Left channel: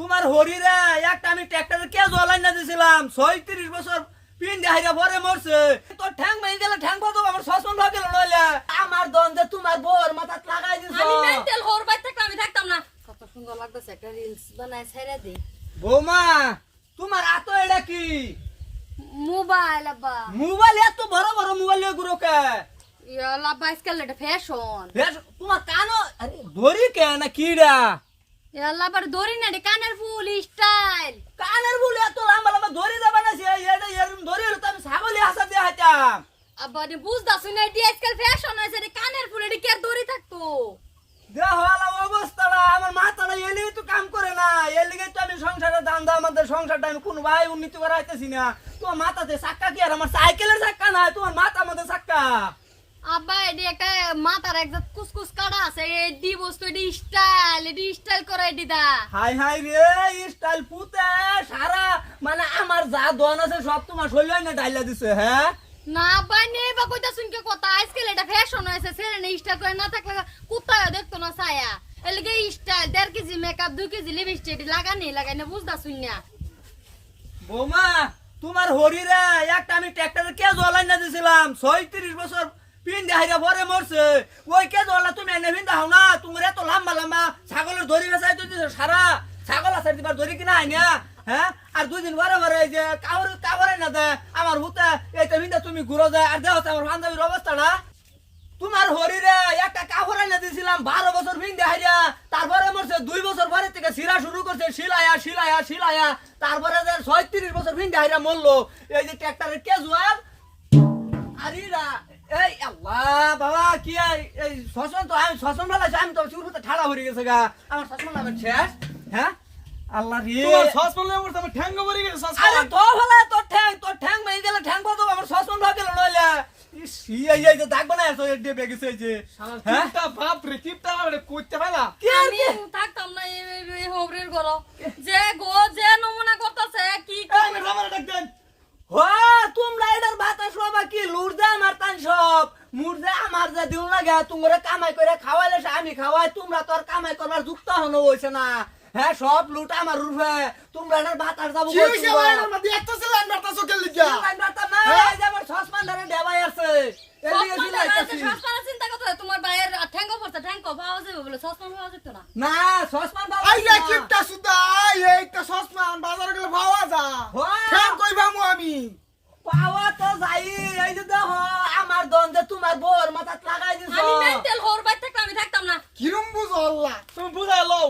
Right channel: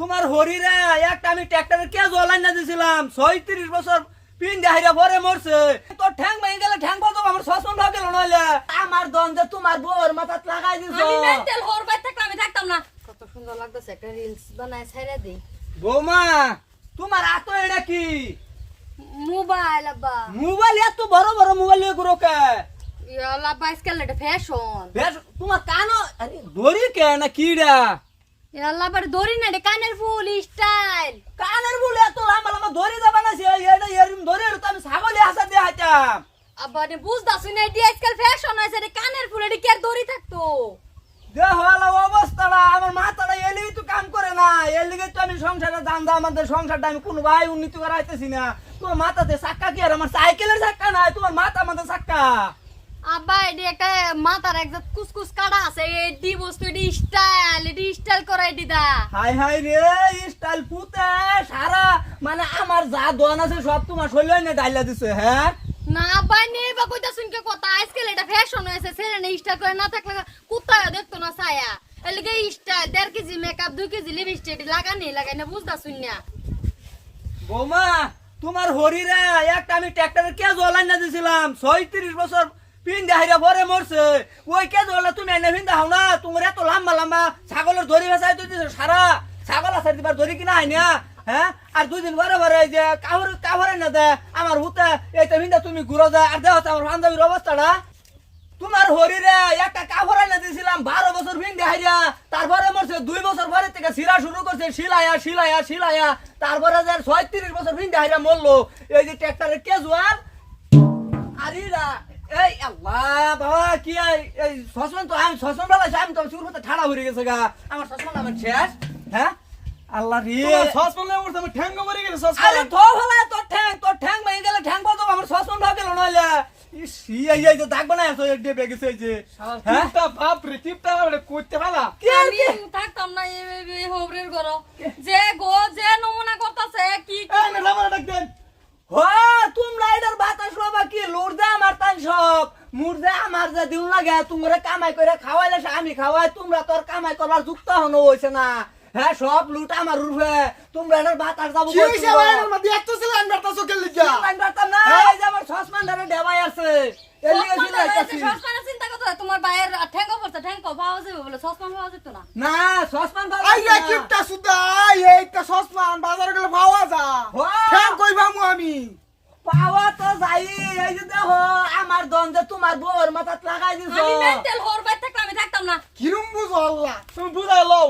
তোমার হরিরা একটা আমি ট্র্যাক্টরের কে জলাই না দিছিলাম। ছয়ত্রিশ বছর পিন দেহাইরা ভরে মরছে। তোর ঠ্যাং ভেঙে গেলে ঠ্যাং পাতো আমার শ্বাসন ভাবে নইলে। আমার দন্দে তোমার বোর মাথাত লাগাই দিছো। আমি মেন্টাল বাইর থাকলে আমি থাকতাম না। কত সুন্দর লাগতেছে একটা রিলস বানায় ছেড়ে দিই। বৌমা তোমার আত এটা কি? মোবাইল আব্বা। মোবাইল এত বড় বড় মোবাইল নিয়ে ঘুরো কে? ইয়ালা আজকাল এটা ফ্যাশন তোমার কানো আরে দড়ি কে না কিডা দড়ি না রে কানের ফুল স্টাইল কানের বলে এত লম্বা লম্বা দড়ি দেবা না সে এটা এরকম দড়ি তো আমি ছাগলে হাসা দিয়ে হাইতাম আব্বা নে বুঝতাছ না এটি আজকাল ফ্যাশন হয়েছে রে কানের ফুল এটি কি দড়ি থাকতো? অবস্থাটা আমার মাথাটা এলি তো কাম করে না। তো আমি সংসারের দাম দাম আমাদের সংসারটা আমি কোনো ভাই উন্নতি করাইতেছি না। তোমার মাথাতে চাক্কা কি আর আমার সাইকেলের চাক্কা নাই মাথা আমাদের চাক্কা আব্বা এটি একটা মাথার একজাত কুসকুস কাটা আছে এডি বস্তু এডি স্টাইল এডি স্টাইল করা এডি দা। হাই হাই রে স্টাইল পুতে সারা মানে আমার যা দোয়ান আছে সব তোমার শরীরে না ডাইলা দিছে হ্যাঁ? না আব্বা নিয়ে বা কইতা শুনকে কথা আজকাল এটা ফ্যাশন হয়েছে ছেলে না স্টাইল করে না থাকলে কুত্তা দেখতো না ছায়া। এলিগে স্টাইল দেড় কেজি মেকআপ দুই কেজি লিপস্টিক লাগানি লাগাই না বুঝতা শুনিয়া বৌমা তোমার হরিরা একটা আমি ট্র্যাক্টরের কে জলাই না দিছিলাম ছয়ত্রিশ বছর পিন দেহাইরা ভরে মরছে। ওই কে জলা তুমি এনে ভিন দাও না? তোমার এত লম্বা লম্বা ছাগলের দড়ি ভেসাই তুই সারা। ছাগল আছে দিবার দড়ি কিনা আইনা? হ্যাঁ? আর দুই দিন ভরে এই যে কাবর কাবরে না দে, আমার হুতে এইটা ভিন্দা তুমি ঘুরো যায়। আর দেহ আমার বান্ধবীর অবস্থাটা? তোমার হরিরে একটা কাপড় এনে দিয়েছিলাম বারো বছর ভিন দেখাইয়া তারপরে মরছে, দুই বছর পরে থেকে সিরা শুরু করছে, শিলায়া শিলায়া শিলায়া। তারপরে যে ছয়ত্রিশ বছর ভিন দেখাইয়া মরলো, এই যে ট্র্যাক্টরের কেজুয়াল। আরিরা এই আল্লাহ বাবা কি এই- এই তো আমি শশন বেলা আমি তো শুরু হতে ঠাড়া হয়ে গেছে গা। আমার শশন আমার শেষ হ্যাঁ? আল্লাহ রে। তোমার সসপেন লেগে আমার গেছে আরে তো হলা তোর ঠ্যাং তোর ঠ্যাং ভেঙে গেলে ঠ্যাং পাতো আমার শশন ভাবে গেল নইলে। ইস এই এই যে দাগ বানায় হ্যাঁ? চিপটা বাপ রে চিপটা আমার আমি থাকতাম না এই হবরের ঘর। যে গো যে নমুনা করতেছে কি কি এই মেলা মারা ডাক দেন। হ তোমরা এটার বাতাস বাবা কি লুড়দে আমার তাই সব। মুর্দে আমার যে দিন লাগে তোমরা কামাই করে খাওয়াইলে আমি খাওয়াই তোমরা তোর কামাই করবার যুক্ত হনো হইছে না। হ্যাঁ সব লুট আমার রূপে। তোমরা এটার বাতাস যাব কি হইছে ভাই আমার মধ্যে? এত ছিল আমি একটা চোখের লিগা। না এই যে আমার সসমান ধরে ডেবাই আছে। এর লিগে সসমান জিলাইতাছি। চিন্তা করতে তোমার ভাইয়ের ঠ্যাঙ্গ পড়ছে ঠ্যাঙ্গ পাওয়া যাবে বলে সসমান পাওয়া না। না সসমান বাবা আই সুদা এইটা সসমান বাজারে গেলে পাওয়া যা হ্যাঁ। আমি। পাওয়া তো যাই এই যে দেখো আমার দন্দে তোমার বোর মাথাত লাগাই দিছো। আমি মেন্টাল বাইর থাকলে আমি থাকতাম না। কিরম বুঝো আল্লাহ? তুমি বুঝাই লও।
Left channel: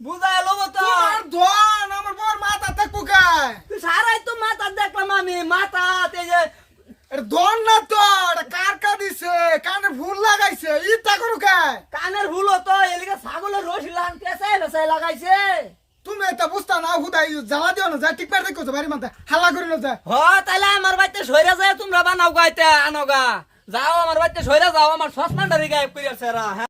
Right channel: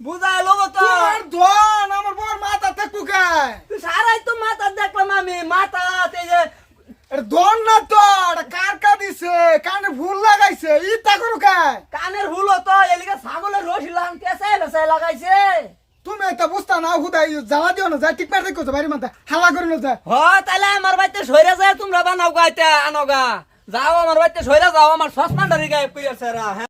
বুঝাই লোক তো। তোমার ধন আমার বউর মাথা থাকব কায়? তুই সারাই তো মাথা দেখলাম আমি। মাথা এই যে আরে ধন না তো কার কা দিছে? কানে ভুল লাগাইছে ইটা করু কায়? কানের হুলো তো এলিকে ছাগলের পেছাই পেছাই লাগাইছে। তুমি এটা বুঝতা না হুদাই, জ্বালা দিও না, যায় ঠিক পার দেখো বাড়ির মাথা হালা করে না, যায়। হ তাহলে আমার বাড়িতে সইরা যায়, তোমরা বানাও গাইতে আনোগা যাও, আমার বাড়িতে সইরা যাও, আমার সসমান ডারি গায়ে কইয়াছে হ্যাঁ?